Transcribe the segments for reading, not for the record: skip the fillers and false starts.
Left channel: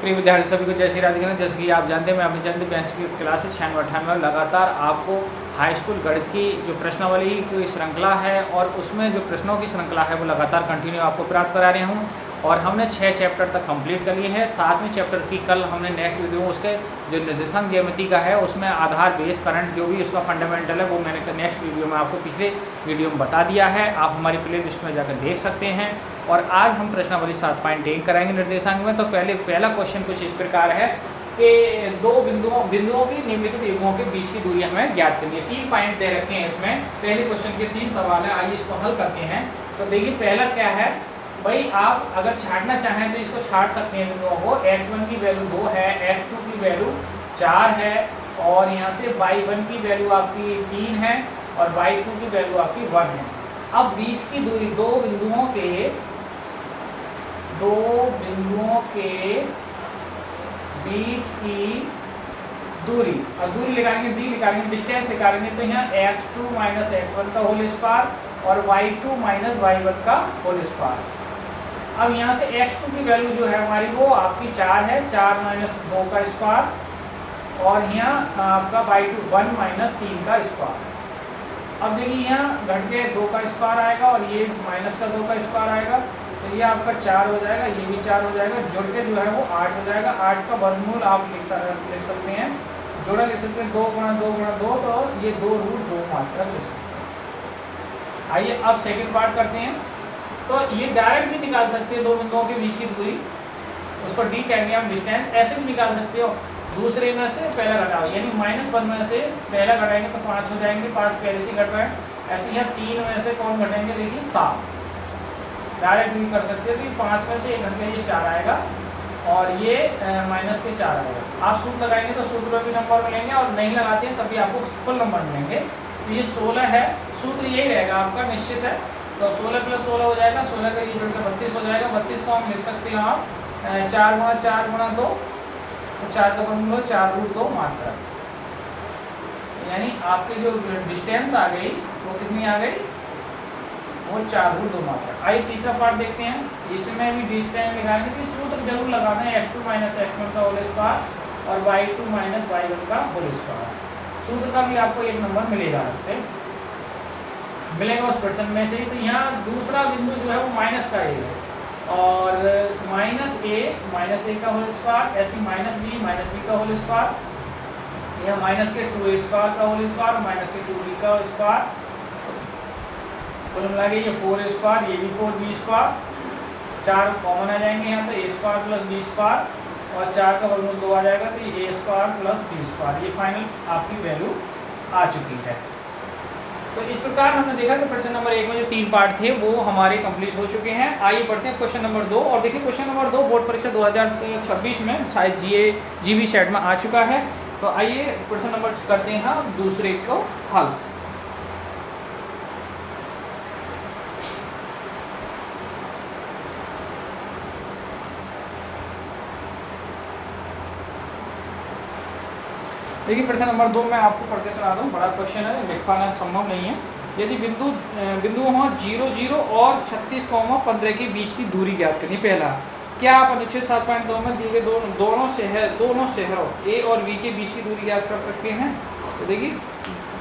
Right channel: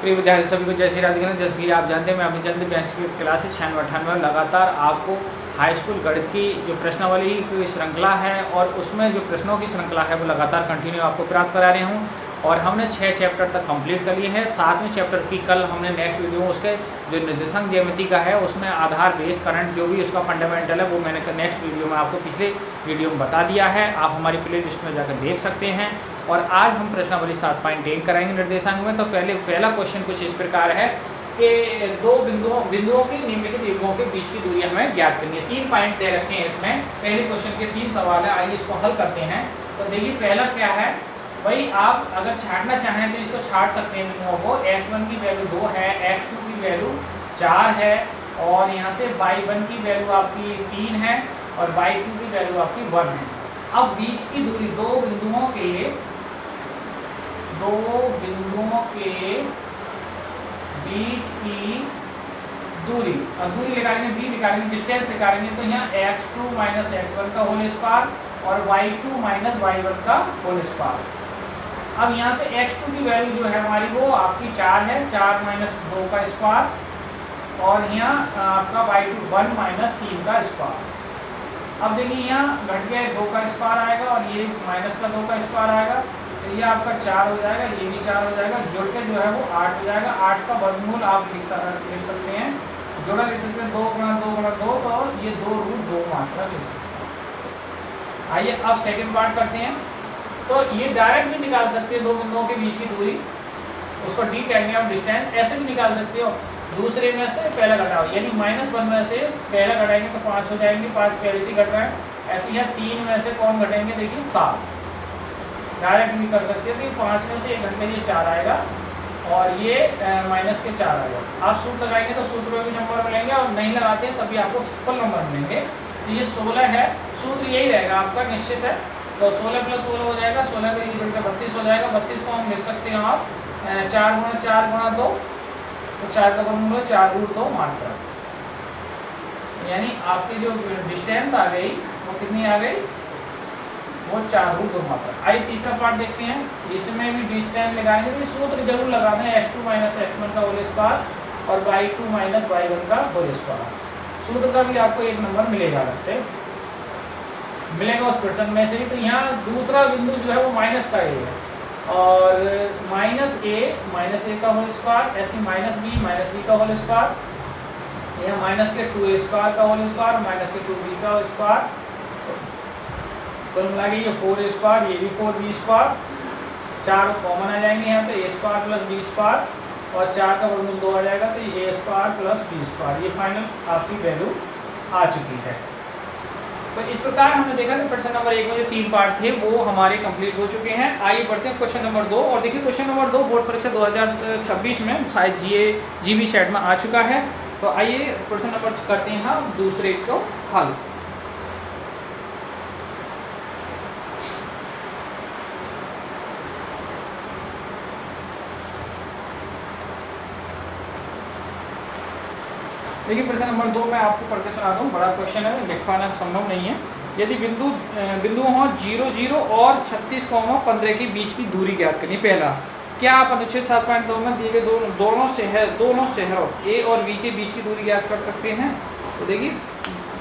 प्रिय विद्यार्थी सभी को जय श्री राधे। जैसे कि आप जानते हैं मैं अपनी चंद बैंस की क्लास 96 में लगातार आपको हाई स्कूल गणित की जो प्रश्नावली की श्रृंखला है और उसमें जो प्रश्नों की श्रृंखला है वो लगातार कंटिन्यू आपको प्राप्त करा रहे हूँ और हमने 6 चैप्टर तक कंप्लीट कर लिए हैं। 7वें चैप्टर की कल हमने नेक्स्ट वीडियो में उसके जो निर्देशांक ज्यामिति का है उसमें आधार बेस करंट जो भी उसका फंडामेंटल है वो मैंने नेक्स्ट वीडियो में आपको पिछले वीडियो में बता दिया है। आप हमारी प्ले लिस्ट में जाकर देख सकते हैं। और आज हम प्रश्नावली 7.1 कराएंगे निर्देशांक में। तो पहला क्वेश्चन कुछ इस प्रकार है कि दो बिंदुओं की निम्नलिखित युग्मों के बीच की दूरी हमें ज्ञात करनी है। 3 पॉइंट दे रखे हैं इसमें। पहले क्वेश्चन के 3 सवाल है, आइए इसको हल करते हैं। तो देखिए पहला क्या है भाई, आप अगर छांटना चाहें तो इसको छांट सकते हैं बिंदुओं को। x1 की वैल्यू 2 है, x2 की वैल्यू 4 है और यहाँ से y1 की वैल्यू आपकी 3 है और y2 की वैल्यू आपकी 1 है। अब बीच की दूरी दो बिंदुओं के बीच की दूरी और दूरी लगाएंगे b निकालेंगे, डिस्टेंस निकालेंगे तो यहाँ x2 माइनस x1 का होल स्क्वायर और y2 माइनस y1 का होल स्क्वायर। अब यहाँ से x2 की वैल्यू जो है हमारी वो आपकी 4 है, 4 माइनस 2 का स्क्वायर और यहाँ आपका y2 1 माइनस 3 का स्क्वायर। अब देखिए यहाँ घट के 2 का स्क्वायर आएगा और ये माइनस का 2 का स्क्वायर आएगा, तो ये आपका 4 हो जाएगा, ये भी 4 हो जाएगा, जुड़ के जो है वो 8 हो जाएगा। 8 का वर्गमूल आप लिख सकते हैं, जोड़ा लिख सकते हैं 2 गुणा 2 गुणा 2, तो ये 2√2 मात्रा लिख सकते हैं। आइए अब सेकेंड पार्ट करते हैं। तो ये डायरेक्ट भी निकाल सकते हैं दो बिंदुओं के बीच की दूरी, उसको d कहेंगे हम डिस्टेंस। ऐसे भी निकाल सकते हो, दूसरे में से पहला घटाओ, यानी -1 में से पहला घटाएंगे तो 5 हो जाएंगे, 5 पहले से घट रहे हैं। ऐसे ही 3 में से कौन घटेंगे, देखिए 7। डायरेक्ट भी कर सकते हो कि 5 में से 1 घटने 4 आएगा और ये माइनस के 4 आएगा। आप सूत्र लगाएंगे तो सूत्र में भी नंबर मिलेंगे और नहीं लगाते हैं तभी आपको फुल नंबर मिलेंगे। तो ये 16 है, सूत्र यही रहेगा आपका, निश्चित है। तो 16 + 16 हो जाएगा, 16 का ये बढ़कर 32 हो जाएगा। 32 को हम लिख सकते हैं आप 4 गुणा 4 गुणा 2, तो 4 का वर्गमूल 4√2 मात्रा। यानी आपकी जो डिस्टेंस आ गई वो कितनी आ गई, वो 4√2 मात्रा। आइए तीसरा पार्ट देखते हैं। इसमें भी डिस्टेंस लगाएंगे तो सूत्र जरूर लगाना है, x2 माइनस x1 का होल स्क्वायर और y2 माइनस y1 का होल स्क्वायर। सूत्र का भी आपको 1 नंबर मिलेगा, अलग से मिलेगा उस प्रश्न में से ही। तो यहाँ दूसरा बिंदु जो है वो माइनस का a है और -a का होल स्क्वायर, ऐसे -b का होल स्क्वायर, यह -2a² का होल स्क्वायर, -2b का स्क्वायर, कुल मिला के ये 4a², ये भी 4b², 4 कॉमन आ जाएंगे यहाँ, तो a² + b² और 4 का वर्गमूल 2 आ जाएगा, तो ये a² + b²। ये फाइनल आपकी वैल्यू आ चुकी है। तो इस प्रकार हमने देखा कि प्रश्न नंबर 1 में जो 3 पार्ट थे वो हमारे कंप्लीट हो चुके हैं। आइए बढ़ते हैं क्वेश्चन नंबर 2। और देखिए क्वेश्चन नंबर 2 बोर्ड परीक्षा 2026 में शायद जीबी सेट में आ चुका है। तो आइए प्रश्न नंबर करते हैं हम दूसरे को हल। देखिए प्रश्न नंबर 2 में आपको पढ़ के सुना दूँ, बड़ा क्वेश्चन है, लिख पाना संभव नहीं है। यदि बिंदु हों 0 0 और 36,15 के बीच की दूरी ज्ञात करनी। पहला, क्या आप अनुच्छेद 7.2 में दिए गए दोनों शहरों ए और बी के बीच की दूरी ज्ञात कर सकते हैं। तो देखिए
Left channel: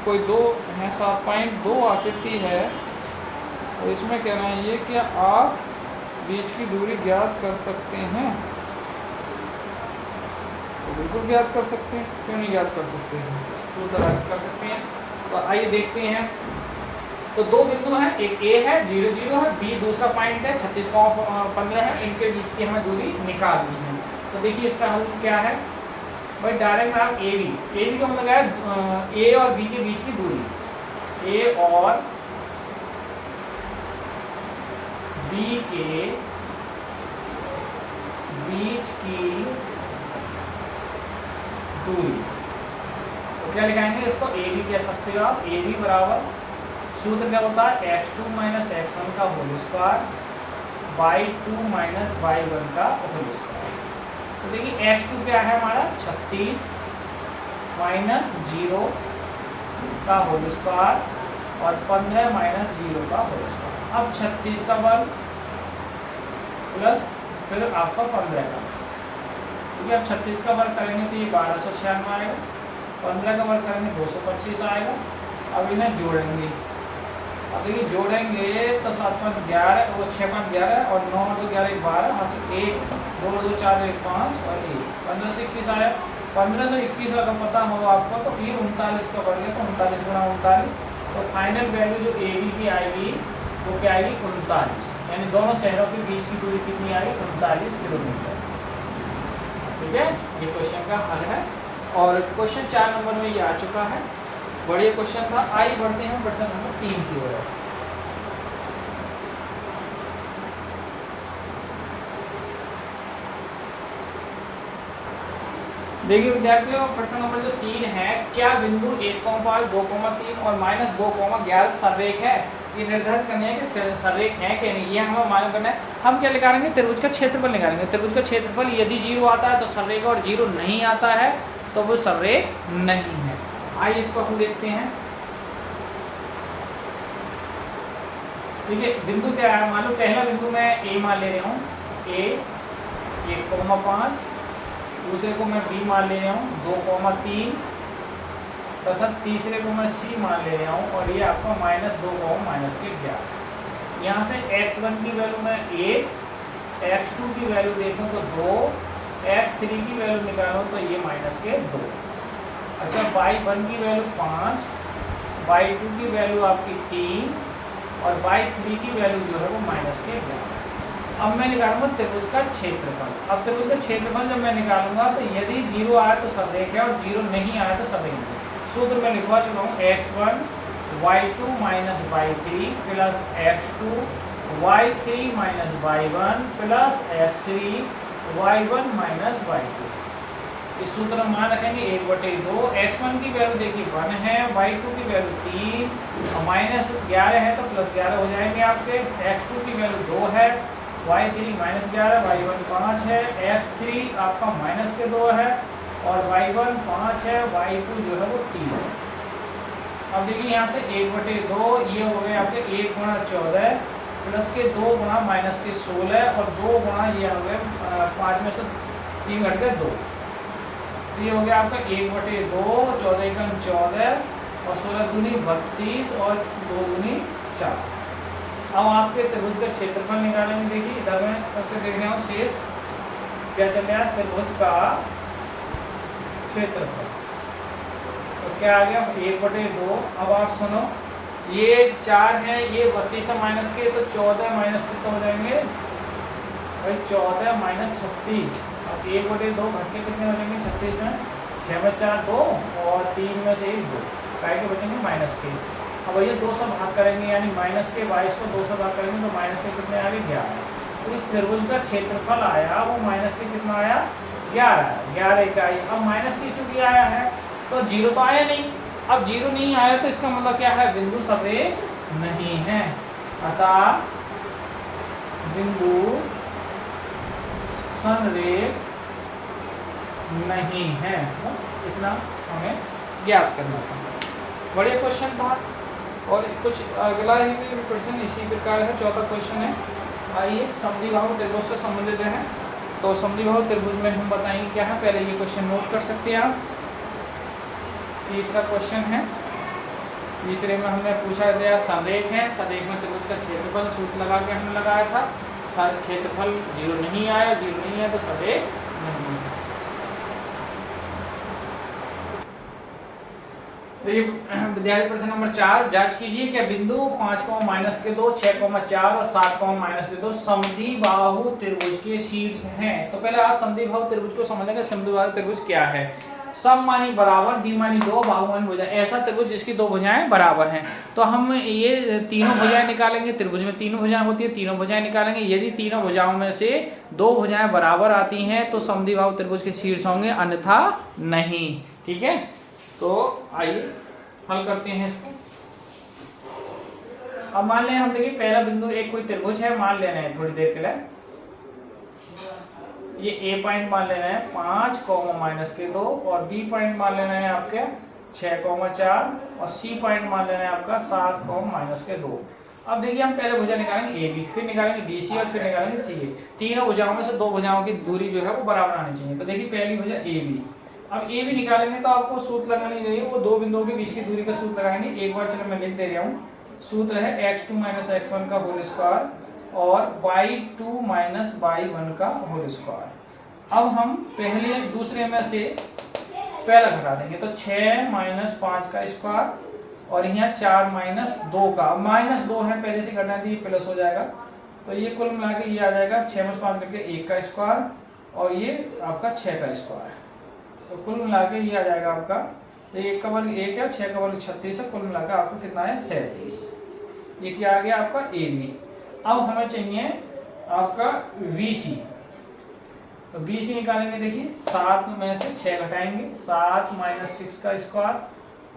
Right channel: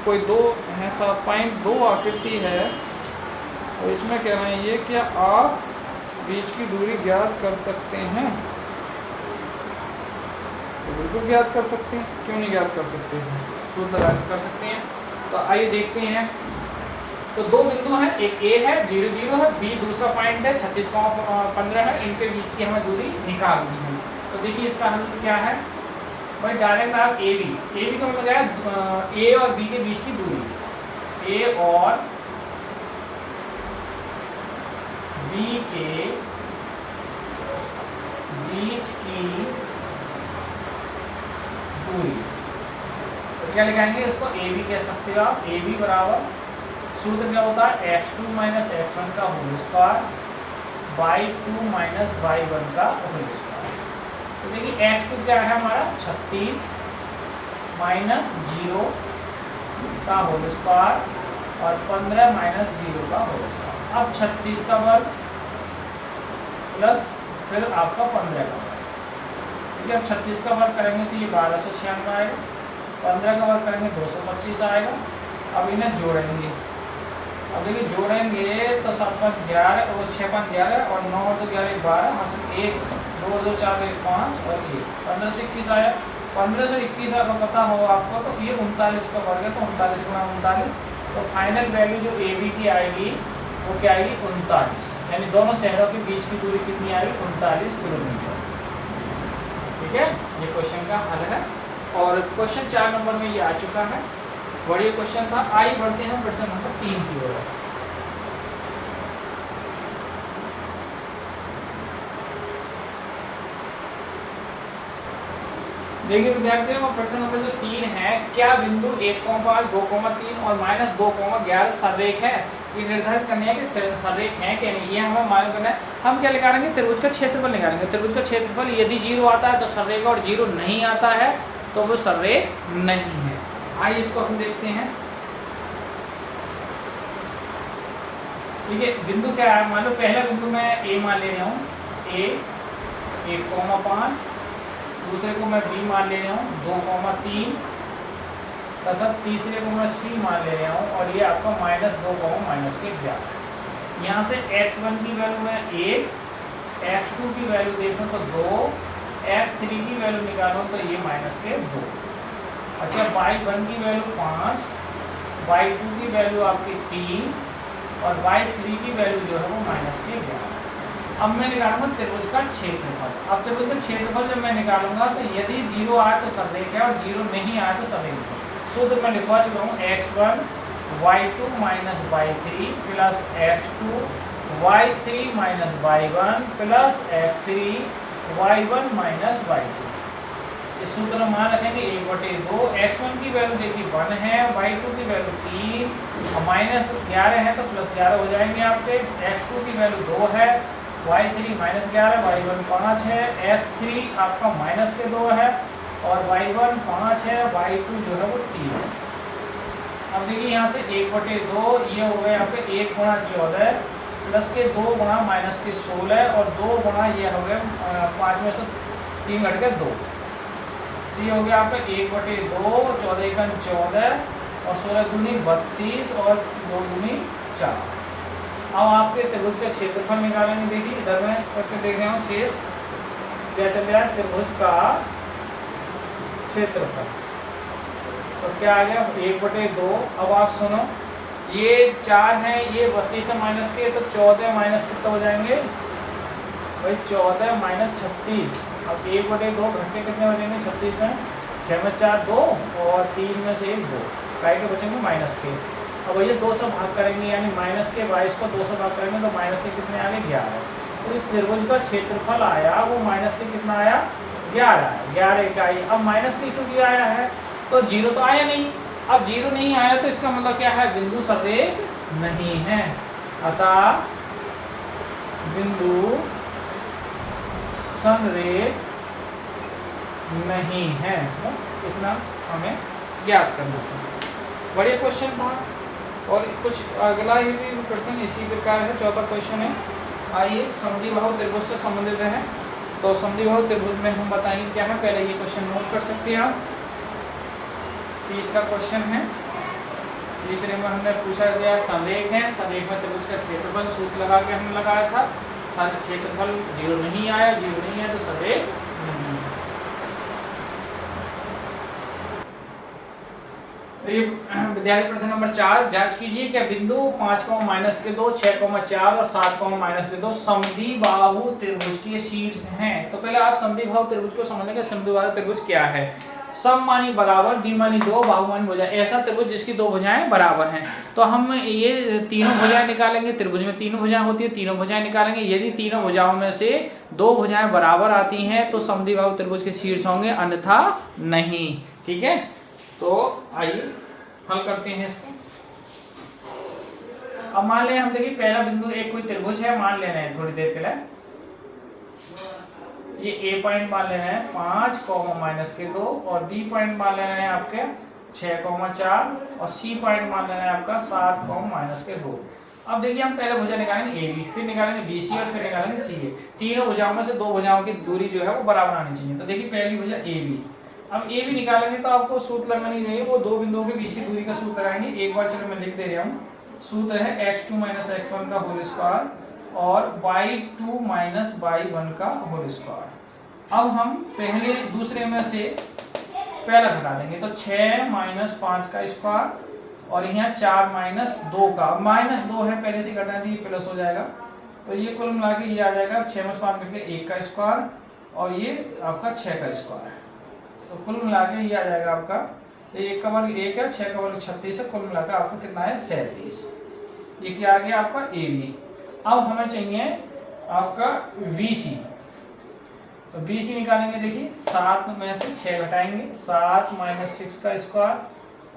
कोई दो है, 7.2 आकृति है और इसमें कह रहे हैं ये क्या आप बीच की दूरी ज्ञात कर सकते हैं। तो बिल्कुल ज्ञात कर सकते हैं, क्यों नहीं ज्ञात कर सकते हैं, सूत्र लगा कर सकते हैं। तो आइए देखते हैं। तो दो बिंदु हैं, एक ए है 0 0 है, बी दूसरा पॉइंट है 36,15 है, इनके बीच की हमें दूरी निकालनी है। तो देखिए इसका हल क्या है भाई, डायरेक्ट आप ए बी का मतलब है ए और बी के बीच की दूरी, ए और बी के बीच की दूरी। तो क्या लिखाएंगे इसको, ए बी कह सकते हो आप। ए बी बराबर सूत्र क्या होता है, x2 माइनस x1 का whole square, y2 minus y1 का होल स्क्वायर। तो देखिए x2 क्या है हमारा 36 माइनस 0 का होल स्क्वायर और 15 माइनस 0 का होल स्क्वायर। अब 36 का वर्ग प्लस फिर आपका 15 का, क्योंकि अब 36 का वर्ग करेंगे तो ये 1296 आएगा, 15 का वर्ग करेंगे 225 आएगा। अब इन्हें जोड़ेंगे, अब ये जोड़ेंगे तो 7 5 11, वो 6 5 11 और 9 2 11 12, यहाँ से 1 2 2 4 1 5 और 1 15 से 21 आया। 15 से 21 अगर पता हो आपको तो ये 39 का वर्ग है, तो 39 गुणा 39, तो फाइनल वैल्यू जो ए बी की आएगी वो क्या आएगी 39, यानी दोनों शहरों के बीच की दूरी कितनी आएगी 39 किलोमीटर। ठीक है, ये क्वेश्चन का हल है। और क्वेश्चन 4 नंबर में ये आ चुका है, बढ़िया क्वेश्चन था। आइए बढ़ते हैं प्रश्न नंबर 3 की ओर। देखिए विद्यार्थियों, प्रश्न नंबर जो 3 है, क्या बिंदु 1,5 2,3 और -2,11 सररेख है? ये निर्धारित करना है कि सररेख है कि नहीं, ये हमें मालूम करना है। हम क्या निकालेंगे, त्रिभुज का क्षेत्रफल निकालेंगे। त्रिभुज का क्षेत्रफल यदि 0 आता है तो सररेख, और 0 नहीं आता है तो वो सररेख नहीं है। आइए इसको हम देखते हैं। देखिए बिंदु क्या है, मान लो पहला बिंदु मैं ए मान ले रहा हूँ, ए 1,5, दूसरे को मैं बी मान ले रहा हूँ 2,3, तथा तीसरे को मैं सी मान ले रहा हूँ, और ये आपका -2, -11। यहाँ से x1 की वैल्यू मैं 1, x2 की वैल्यू देखूँ तो 2, x3 की वैल्यू निकालूँ तो ये -2। अच्छा, y1 की वैल्यू 5, y2 की वैल्यू आपकी 3 और y3 की वैल्यू जो है वो -11। अब मैं निकालूंगा त्रिभुज का क्षेत्रफल। अब त्रिभुज का क्षेत्रफल जब मैं निकालूंगा तो यदि 0 आया तो सररेख है और 0 नहीं आया तो सररेख है। सूत्र मैं लिखवा चुका हूँ, x1 y2 - y3 plus x2 y3 - y1 plus x3 y1 - y2। इस सूत्र में मान रखेंगे 1/2। x1 की वैल्यू देखिए 1 है, y2 की वैल्यू 3, -11 है तो +11 हो जाएंगे आपके। x2 की वैल्यू 2 है, y3 -11, y1 5 है, x3 आपका -2 है और y1 5 है, y2 जो है वो 3 है। अब देखिए यहाँ से 1/2 ये हो गए आपके 1 गुणा 14 प्लस के 2 गुणा -16 और 2 गुणा ये हो गए 5 में से 3 घट गए 2, ये हो गया आपका 1/2, 14 का 14 और 16 दूनी 32 और 2 दूनी 4। अब आपके त्रिभुज का क्षेत्रफल निकालेंगे। देखिए इधर मैं करके देख रहा हूँ शेष क्या चल रहा है, त्रिभुज का क्षेत्रफल तो क्या आ गया 1/2। अब आप सुनो, ये 4 है, ये 32 माइनस के तो 14 माइनस कितना हो जाएंगे भाई 14 - 36। अब 1/2 घट के कितने हो जाएंगे 36 में, 6 में 4 2 और 3 में से 1 2, काट के बचेंगे माइनस के। अब ये 2 से भाग करेंगे, यानी माइनस के 22 को 2 से भाग करेंगे तो माइनस के कितने आ गए 11। तो ये त्रिभुज का क्षेत्रफल आया वो माइनस के कितना आया 11, 11 इकाई। अब माइनस की चूंकि आया है तो 0 तो आया नहीं। अब 0 नहीं आया तो इसका मतलब क्या है, बिंदु सररेख नहीं है, अतः बिंदु संरेख नहीं है। बस इतना हमें याद करना था। बढ़िया क्वेश्चन था। और कुछ अगला ही भी क्वेश्चन इसी प्रकार है, चौथा क्वेश्चन है। आइए समद्विबाहु त्रिभुज से संबंधित है, तो समद्विबाहु त्रिभुज में हम बताएंगे क्या है। पहले ये क्वेश्चन नोट कर सकते हैं आप। तीसरा क्वेश्चन है, तीसरे में हमने पूछा गया संरेख है, संरेख में त्रिभुज का क्षेत्रफल सूत्र लगा के हमने लगाया था। सारे क्षेत्रफल 0 नहीं आया, 0 नहीं है तो संरेख नहीं है। विद्यार्थी प्रश्न नंबर 4, जांच कीजिए क्या बिंदु 5, -2, 6, 4 और 7, -2 समद्विबाहु त्रिभुज के शीर्ष हैं। तो पहले आप समद्विबाहु त्रिभुज को समझेंगे। समद्विबाहु त्रिभुज क्या है, सम मानी बराबर, डी मानी 2, बाहु मानी भुजा, ऐसा त्रिभुज जिसकी 2 भुजाएं बराबर हैं। तो हम ये तीनों भुजाएं निकालेंगे। त्रिभुज में तीनों भुजाएं होती है, तीनों भुजाएं निकालेंगे। यदि तीनों भुजाओं में से 2 भुजाएं बराबर आती हैं तो समद्विबाहु त्रिभुज के शीर्ष होंगे, अन्यथा नहीं। ठीक है, तो आइए हल करते हैं इसको। अब मान लें हम, देखिए पहला बिंदु एक कोई त्रिभुज है, मान लेना है थोड़ी देर पहले। ये ए पॉइंट मान लेना है 5, -2 और बी पॉइंट मान लेना है आपके 6, 4 और सी पॉइंट मान लेना है आपका 7, -2। अब देखिए हम पहले भुजा निकालेंगे ए बी, फिर निकालेंगे बी सी और फिर निकालेंगे सी ए। तीनों भुजाओं में से दो भुजाओं की दूरी जो है वो बराबर आनी चाहिए। तो देखिए पहली भुजा ए बी, अब ए बी निकालेंगे तो आपको सूत्र लगानी है, वो दो बिंदुओं के बीच की दूरी का सूत्र लगाएंगे। एक बार चलो मैं लिख दे रहा हूँ, सूत्र है x2 - x1 का होल स्क्वायर और y2 - y1 का होल स्क्वायर। अब हम पहले दूसरे में से पहला घटा देंगे, तो 6 - 5 का स्क्वायर और यहाँ 4 - 2 का, -2 है पहले से घटा दीजिए, प्लस हो जाएगा। तो ये कुल मिला के ये आ जाएगा 6 में 5 करके 1 का स्क्वायर और ये आपका 6 का स्क्वायर। तो कुल मिला के ये आ जाएगा आपका 1 का वर्ग 1 है, 6 का वर्ग 36 है, कुल मिला के आपका कितना है 37। ये क्या आ गया आपका ए बी। अब हमें चाहिए आपका बी सी। तो बी सी निकालेंगे, देखिए 7 में से 6 घटाएंगे, 7 - 6 का स्क्वायर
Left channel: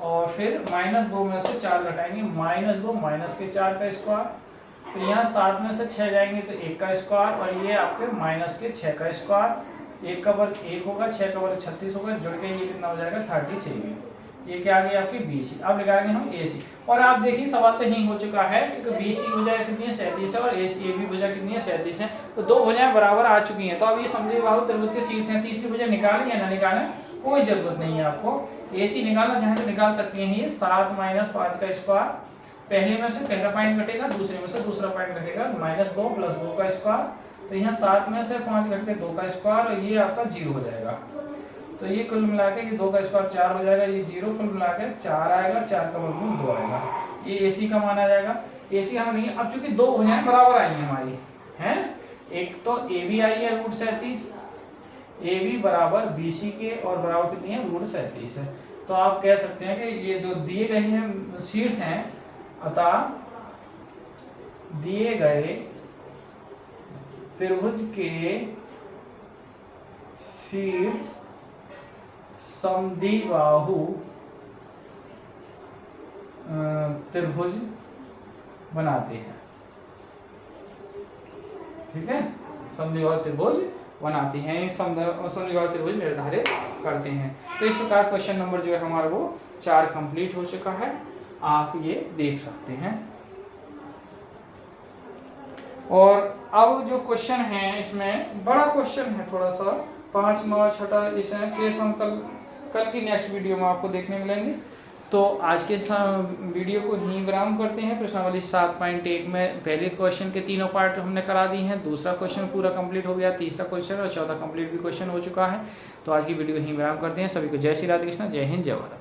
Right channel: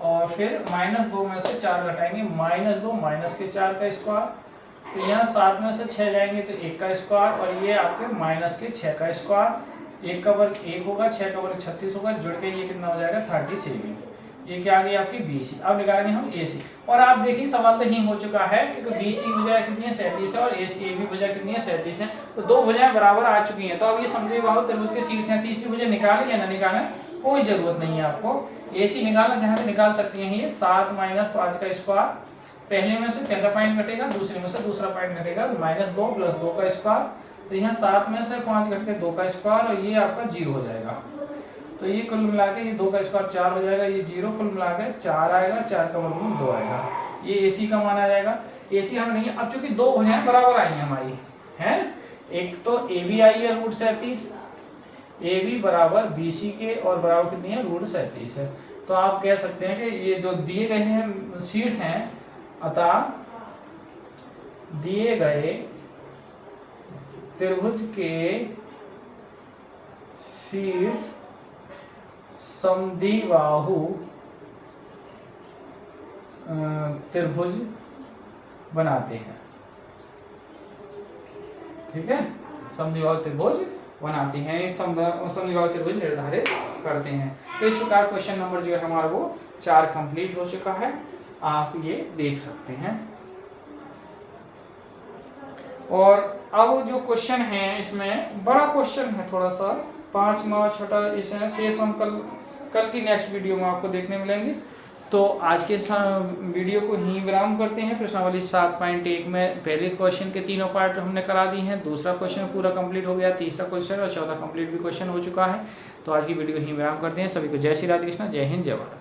और फिर -2 में से 4 घटाएंगे, -2 - के 4 का स्क्वायर। तो यहाँ 7 में से 6 जाएंगे तो 1 का स्क्वायर और ये आपके -6 का स्क्वायर। 1 का वर्ग 1 होगा, 6 का वर्ग 36 होगा, जुड़ के ये कितना हो जाएगा 37। ये क्या आ गई आपकी बी सी। अब निकालेंगे हम ए सी। और आप देखिए सवाल तो यही हो चुका है क्योंकि बी सी भुजा कितनी है 37 है और ए बी भुजा कितनी है 37 है। तो दो भुजाएं बराबर आ चुकी हैं। तो अब ये समझिए बाहु त्रिभुज के शीर्ष हैं, तीसरी भुजा निकालें या ना निकालें कोई जरूरत नहीं है आपको। ए सी निकालना चाहे तो निकाल सकती हैं। ये 7 - 5 का स्क्वायर, पहले में से पहला पॉइंट घटेगा, दूसरे में से दूसरा पॉइंट घटेगा, -2 + 2 का स्क्वायर। तो यहाँ 7 में से 5 घट के 2 का स्क्वायर और ये आपका 0 हो जाएगा। तो ये कुल मिला के ये 2 का स्क्वायर 4 हो जाएगा, ये 0 कुल मिला के 4 आएगा, 4 का वर्गमूल 2 आएगा। ये ए सी का मान आ जाएगा। ए सी हमें नहीं है। अब चूंकि दो भुजाएं बराबर आई हैं हमारी, हैं, एक तो ए बी आई है √37, ए बी बराबर बी सी के और बराबर कितनी है √37 है। तो आप कह सकते हैं कि ये जो दिए गए हैं शीर्ष हैं, अतः दिए गए त्रिभुज के शीर्ष समद्विबाहु त्रिभुज बनाते हैं। ठीक है, समद्विबाहु त्रिभुज बनाते हैं, समद्विबाहु त्रिभुज निर्धारित करते हैं। तो इस प्रकार क्वेश्चन नंबर जो है हमारा वो 4 कंप्लीट हो चुका है, आप ये देख सकते हैं। और अब जो क्वेश्चन है इसमें बड़ा क्वेश्चन है थोड़ा सा, 5वां 6ठा इसमें शेष हम कल की नेक्स्ट वीडियो में आपको देखने मिलेंगे। तो आज के वीडियो को ही विराम करते हैं। प्रश्नावली 7.1 में पहले क्वेश्चन के तीनों पार्ट हमने करा दी हैं, दूसरा क्वेश्चन पूरा कंप्लीट हो गया, तीसरा क्वेश्चन और चौथा कंप्लीट भी क्वेश्चन हो चुका है। तो आज की वीडियो ही विराम करते हैं। सभी को जय श्री राधे कृष्ण, जय हिंद, जय भारत।